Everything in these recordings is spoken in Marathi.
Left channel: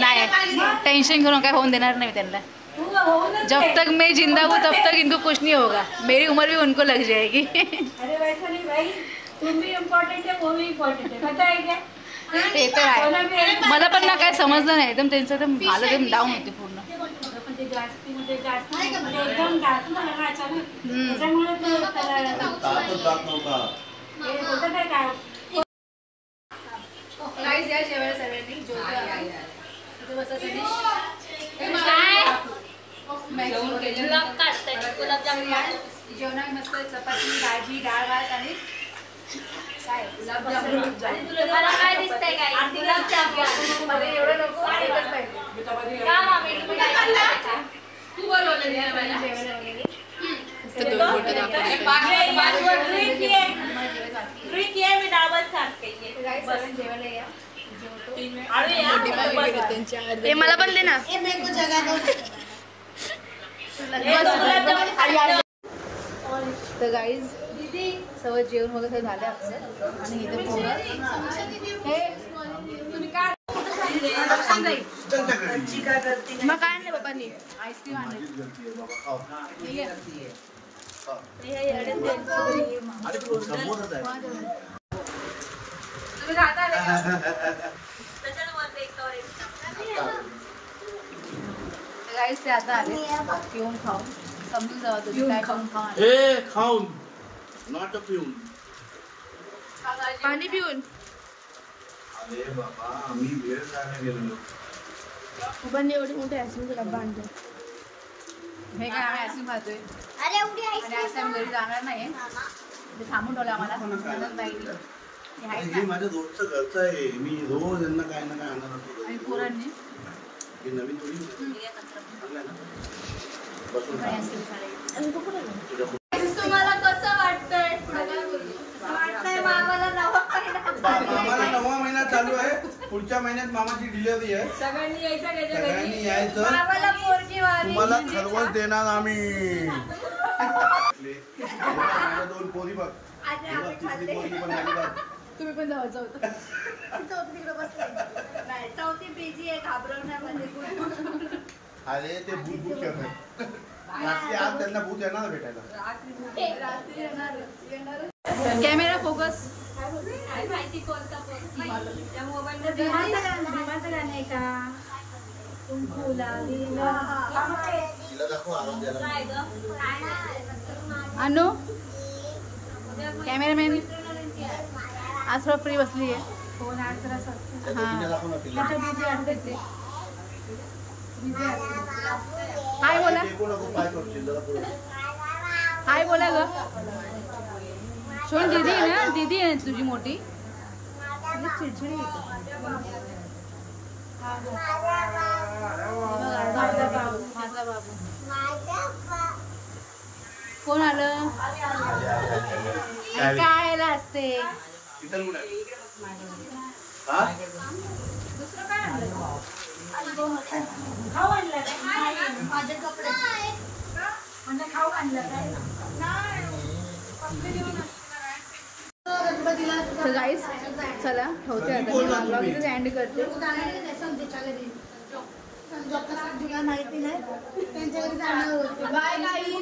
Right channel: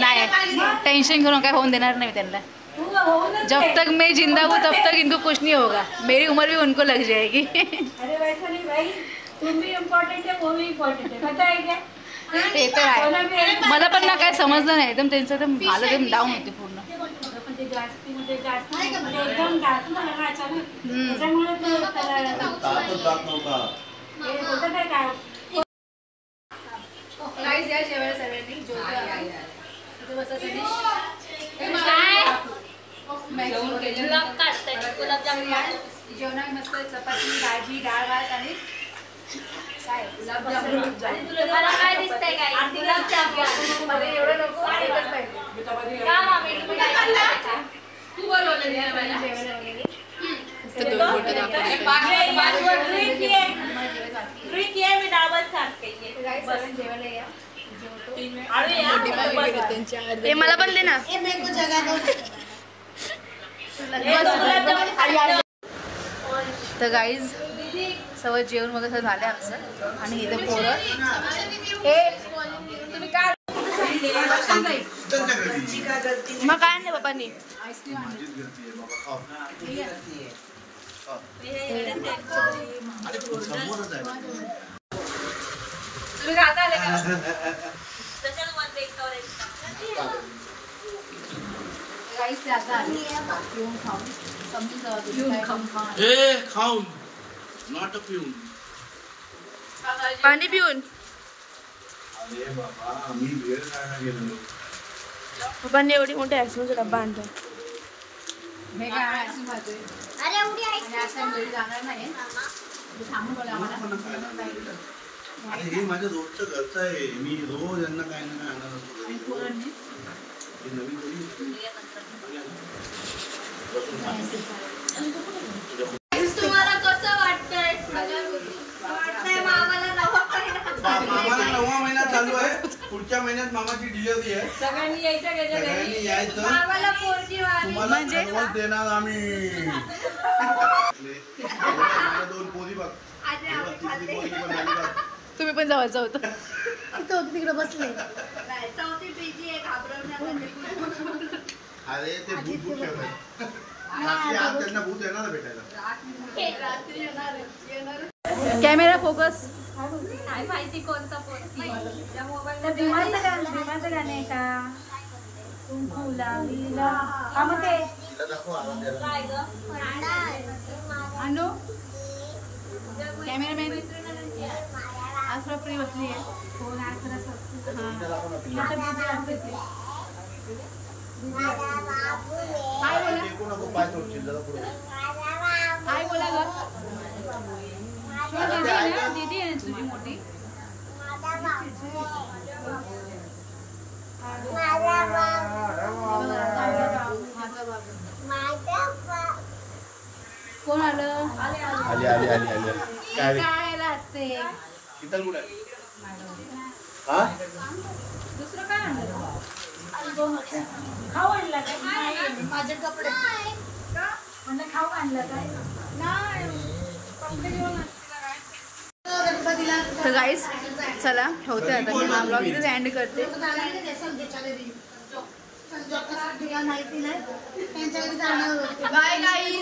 नहीं टेंशन करो, क्या होने देना नहीं त्यांना। जब तक मैं जिंदा हूँ तब तक इनको कुछ नहीं होगा, मेरी उम्र भी उनको लग जाएगी। अरे वैसा नहीं भाई, तुम भी इम्पॉर्टंट है, वो भी इम्पॉर्टंट है, पता है क्या? ते तर आहे, मला पण ना काय समजलं नाही, एकदम त्यांचं एकदम हालत एकदम डाऊन होती पूर्ण। जेवणात मस्त चपाती, भाजी, डाळ भात आणि काय मला काय दिसतंय काय गुलाबजामुन मला एवढं नको एकच पाहिजे का मामी तुम्ही काय खाल्लं तू बोलवलं नाही मला जेवण वगैरे तो दोन फोटो दाखव ट्रिक ये मी डाबत सांगते बस जेवण या ए मला पण दे ना ए मेरे को जगह दो। तर गाईज सगळं जेवण वगैरे झालं आमचं आणि इथे पोरं मग काय नाही पप्पांनी आईस्क्रीम आणली। गाईज ते आता आले पिऊन खाऊन, समजून जावा तुम्ही काय खाऊन खावा खाऊन नॉट अ पिऊन पाणी पिऊन अरे बाबा आम्ही वेळ खायला गेलो पप्पांनी एवढी मोठी आईस्क्रीमचा डब्बा आणला हे काय आम्ही आईस्क्रीम खातोय आणि आज आम्ही घरी जाणार नाही, थांबून ठेवलं आम्हाला। हे माझ्या रोजचं घरचं आहे, मी रोज यांना काय ना काय आणणार असतो आणि पोरांनी नवीन तुम्हाला कसं वाटतंय मामाला मामाला 9वा महिना चालू आहे, पुढच्या महिन्यात मामाची डिलिव्हरी आहे, सगळ्यांनी यायचं मामाला पोरगी तुम्हाला सर्वच देणार आम्ही। दोन पोरी बघ, तिसरी पोरी पण आली बघ, तुम्ही पण जावायचं होतं तिकडे बसले चौथी पेजी आहे घाबरवण्यामध्ये अरे ते भूत ठेवतात आज त्यांना भूत येणार भेटायला कॅमेरा फोकस काय माहिती कोणता पोरगी त्या मोबाईल भीमाचं गाणं आहे का? अनु कॅमेरामॅन आज थोडा फ्री बसली आहे, फोन आज जरा स्वस्त हाय बोला, हाय बोला ग सोन, दीदी आहे ना, दीदी आहे तुझी मोठी चिडचिडी माझा बाबू कोण आलं काय असते खाऊ आणला काय? माझे कपडे म्हणजे खाऊ आणलं काय? तर गाईस चला ठेवते आता, मी हा ब्लॉग इथेच एंड करते। बाय गाईस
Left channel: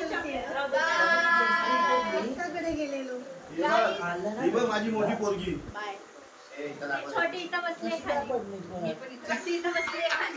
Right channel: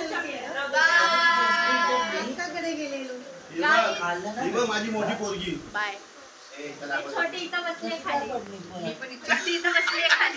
बाय माझी मोठी पोरगी बाय। छोटी इथं बसली खाली, मी पण छोटी इथं बसली खाली।